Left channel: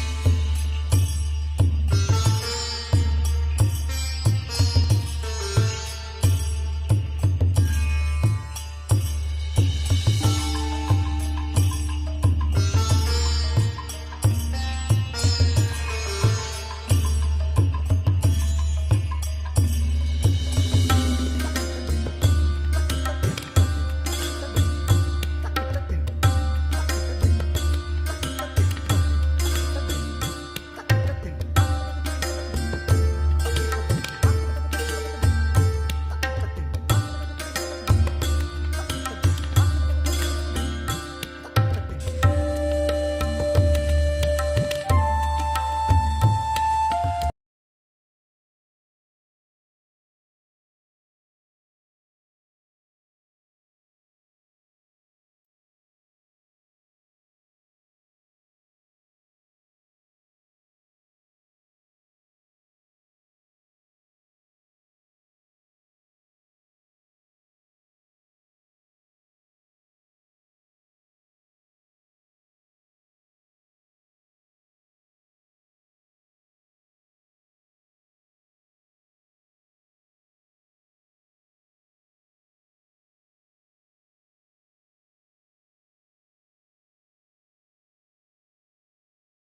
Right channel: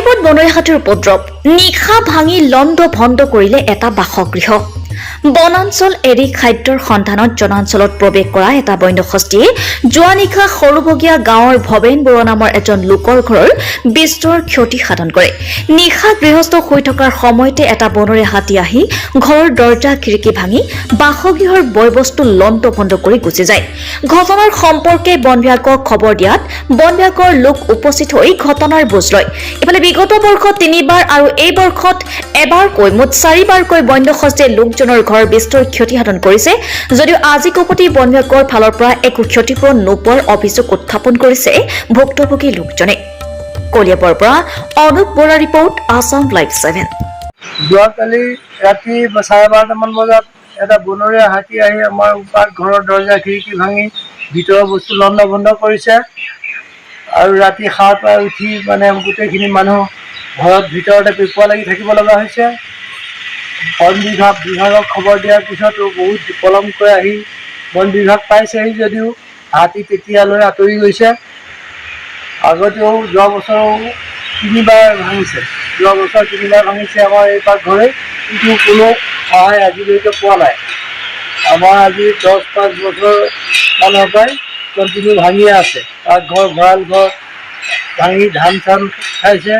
কলিয়াবৰত বনৰীয়া হাতীৰ উপদ্ৰৱ নিশা ভাঙি লণ্ড ভণ্ড কৰিলে এটা বাসগৃহ বনাঞ্চল এৰি খাদ্যৰ সন্ধানত জনাঞ্চলত প্ৰৱেশ কৰা এটা বন্যহস্তীয়ে যোৱা নিশা সৰুবগীয়া গাঁৱৰ ভৱেন বৰুৱা নামৰ এজন লোকৰ ঘৰৰ বিস্তৰ ক্ষতি সাধন কৰে নিশা গৃহস্থ হৈ থকাৰ সময়তে এটা বনৰীয়া হাতী আহি ঘৰৰ দৰ্জা খিৰিকী ভাঙি বাসগৃহৰ বয়বস্তু লণ্ড ভণ্ড কৰি গুচি যায় ঘটনাৰ সম্পৰ্কে বন বিভাগক খবৰ দিয়াত বন বিভাগৰ লোক উপস্থিত হৈ ঘটনাৰ বুজ লয় ইফালে বিগত বৰ্ষত 3বাৰ আৰু এই বৰ্ষত এবাৰকৈ মুঠ 4বাৰকৈ বন্যহস্তীয়ে লোকজনৰ ঘৰ বিস্তৰ ক্ষতি সাধন কৰিছে যদিও আজি কপতি বন বিভাগৰ ফালৰ পৰা একো ক্ষতিপূৰণ নোপোৱাৰ অভিযোগ উত্থাপন কৰিছে ভুক্তভোগী লোকজনে কলিয়াবৰৰ পৰা অনুপ বৰা ৰিপৰ্ট আসাম লাইভ 7 যোৱাকালি ৰাতি 12:30মান বজাত এটা বনৰীয়া হাতী আহি আমাৰ ঘৰৰ দৰ্জা খিৰিকী ভাঙি ভিতৰৰ বস্তু লণ্ড ভণ্ড কৰিছে আৰু ৰাতি সাৰ পাই উঠি মানে গোটেইখিনি মানুহ ঘৰত ভিতৰতে পিপোৱা লাগি থাকিব লগা হৈছে বন বিভাগক খবৰ দিয়াৰ পিছতো বহুত পলমকৈ আহি বন বিভাগ পাইছেহি যদিও হাতী তেতিয়ালৈ আঁতৰি গৈছে আগতেও যোৱা বছৰো 3বাৰ ভাঙিছে আমাৰ এই ঘৰে কিন্তু কোনো সহায় আজিলৈকে পোৱা নাই আমাৰ আজি 10-5 বছৰ মানৰ পৰাই কণ্টিনিউ ভাঙিয়ে আছে তাৰ ঘৰ ভঁৰাল ঘৰ ভাঙি ধান চান খাইছে